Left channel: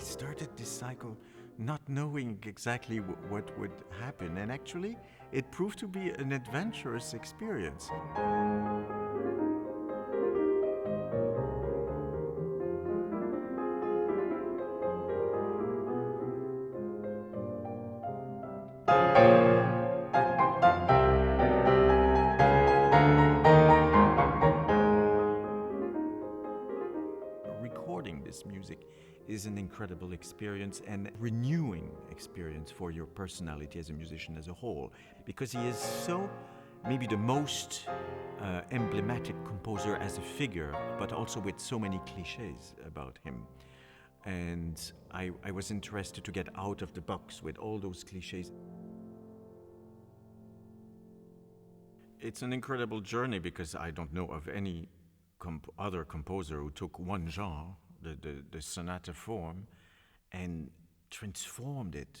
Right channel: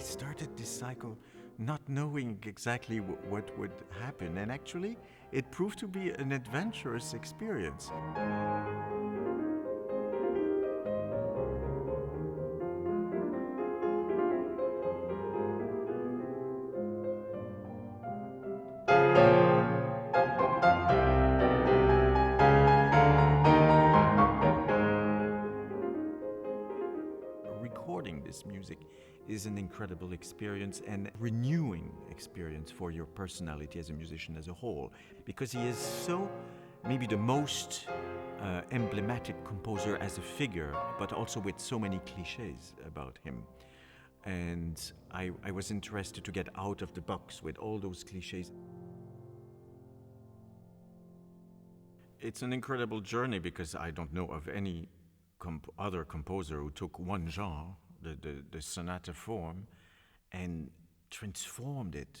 started this cycle not knowing exactly what would happen. And actually, it proved to be an adventurous experience. Recording this music is an incredible experience and renewing experience for your personality as a musician as a whole, because he is so maybe the most emblematic composer as a figure, but also with so many cliches about him. And I was interested to get out of the box with all those cliches. It's an incredible journey because I don't know of any other composer who took one genre, the sonata form, and transformed it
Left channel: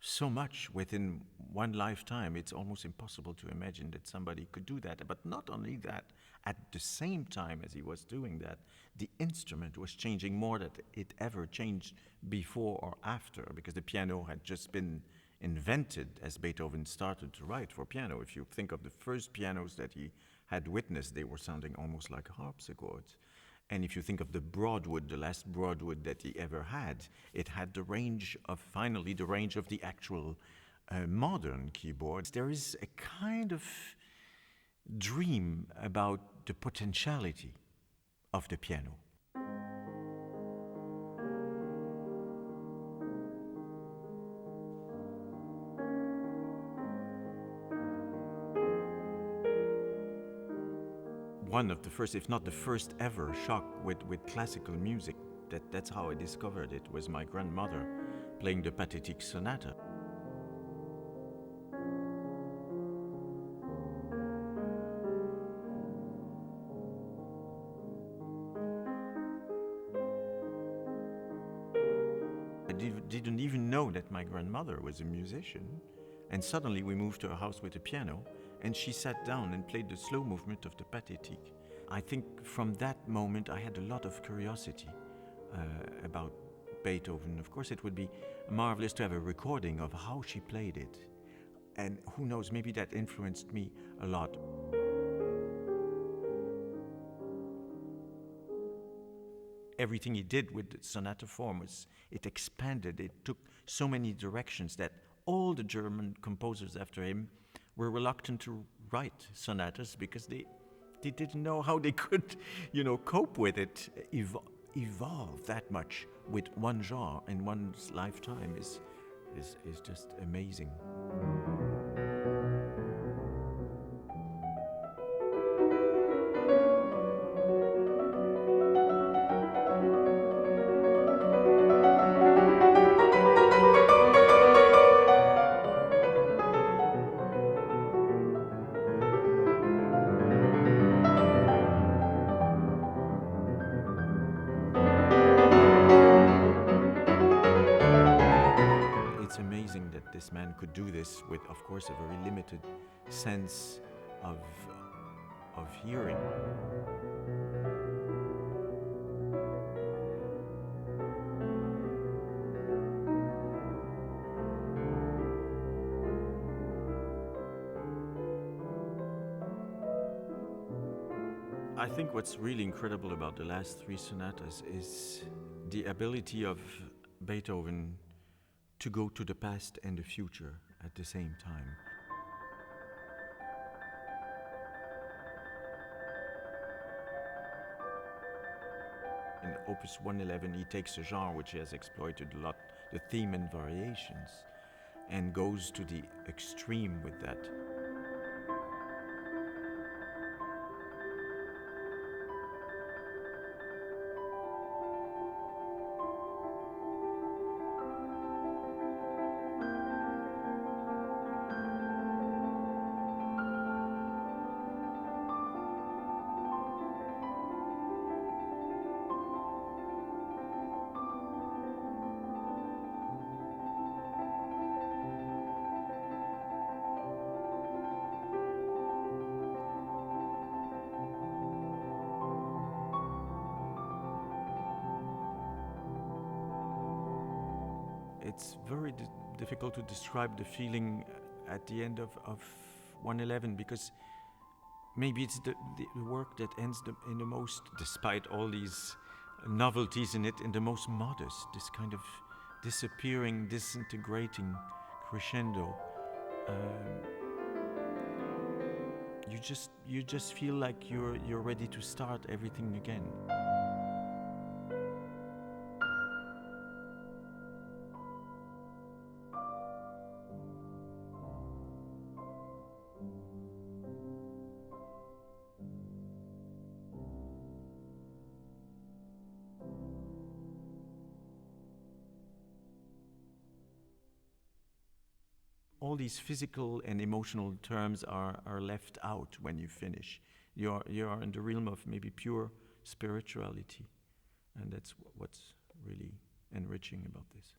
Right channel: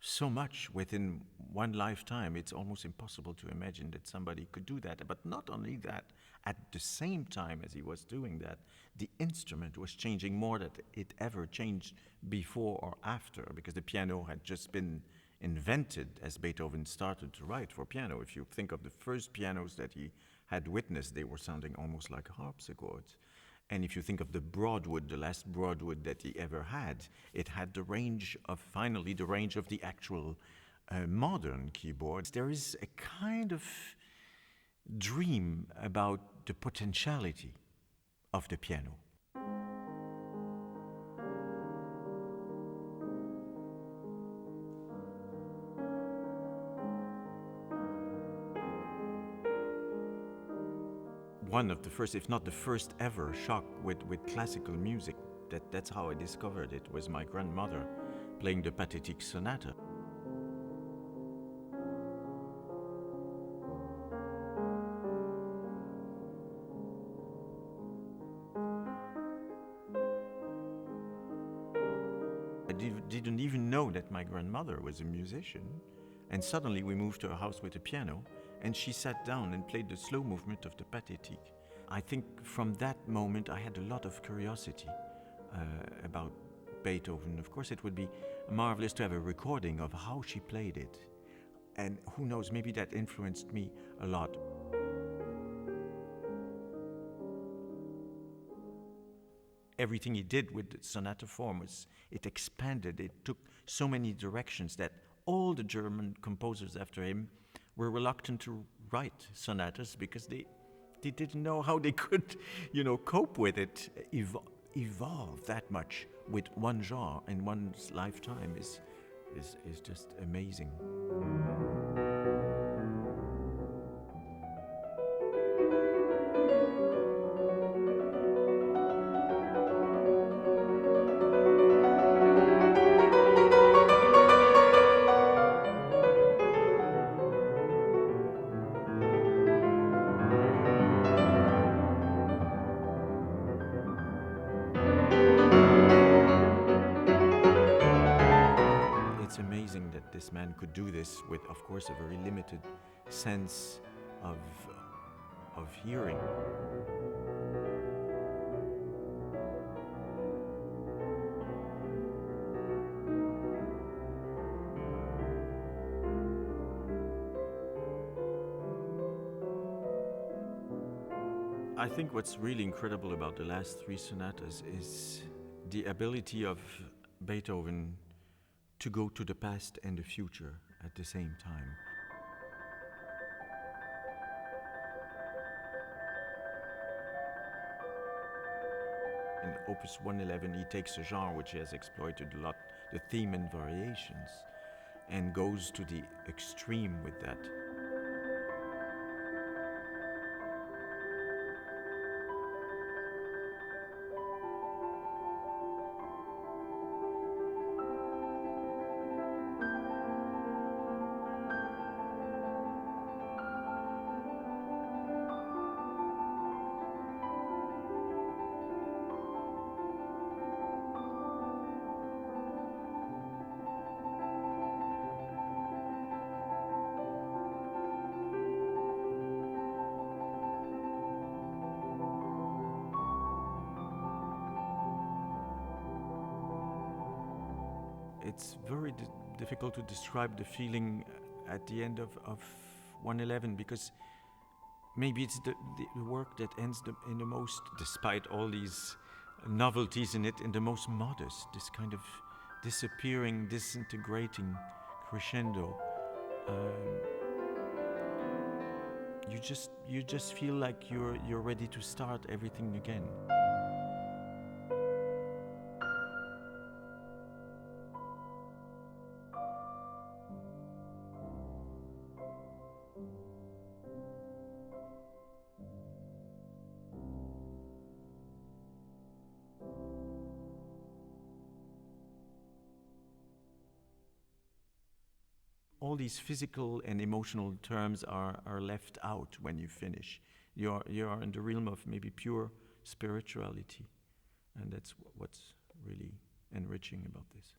so much within one lifetime. It's almost impossible to imagine that somebody could do that. But not only that, at the same time as he was doing that, the instrument was changing more than it ever changed before or after, because the piano had just been invented as Beethoven started to write for piano. If you think of the first pianos that he had witnessed, they were sounding almost like harpsichords. And if you think of the Broadwood, the last Broadwood that he ever had, it had the range of the actual modern keyboards. There is a kind of dream about the potentiality of the piano. One of the first, if not the first ever shock with classical music, that's how I discovered it, was my grandmother playing the Pathétique Sonata. I didn't even know that my grandmother was a musician, and suddenly we moved to a house with a piano, and she sat down and played the slow movement of the Pathétique. I think from that moment I had a lot of curiosity about Beethoven. Of course, it would be marvelous to have a recording of how she played it. And who knows, maybe that influenced me a lot. Everything he did with the sonata form it expanded, it took so many directions that all the German composers after him were reluctant to write sonatas because they didn't know how they could, cope with it. Evolve that much with one genre in one's lifetime is just amazing. It's amazing that this man could do this with, of course, a very limited sense of hearing. I think what's really incredible about the last three sonatas is the ability of Beethoven to go to the past and the future at the same time. In Opus 111, he takes a genre which he has exploited a lot, the theme and variations, and goes to the extreme with that. it's very difficult to describe the feeling at the end of 111, because maybe it's the work that ends in the most, despite all these novelties in it, in the most modest, this kind of disappearing, disintegrating crescendo. You just feel like you're ready to start everything again. All these physical and emotional terms are left out when you finish. You are in the realm of maybe pure spirituality, and that's what's really enriching about this.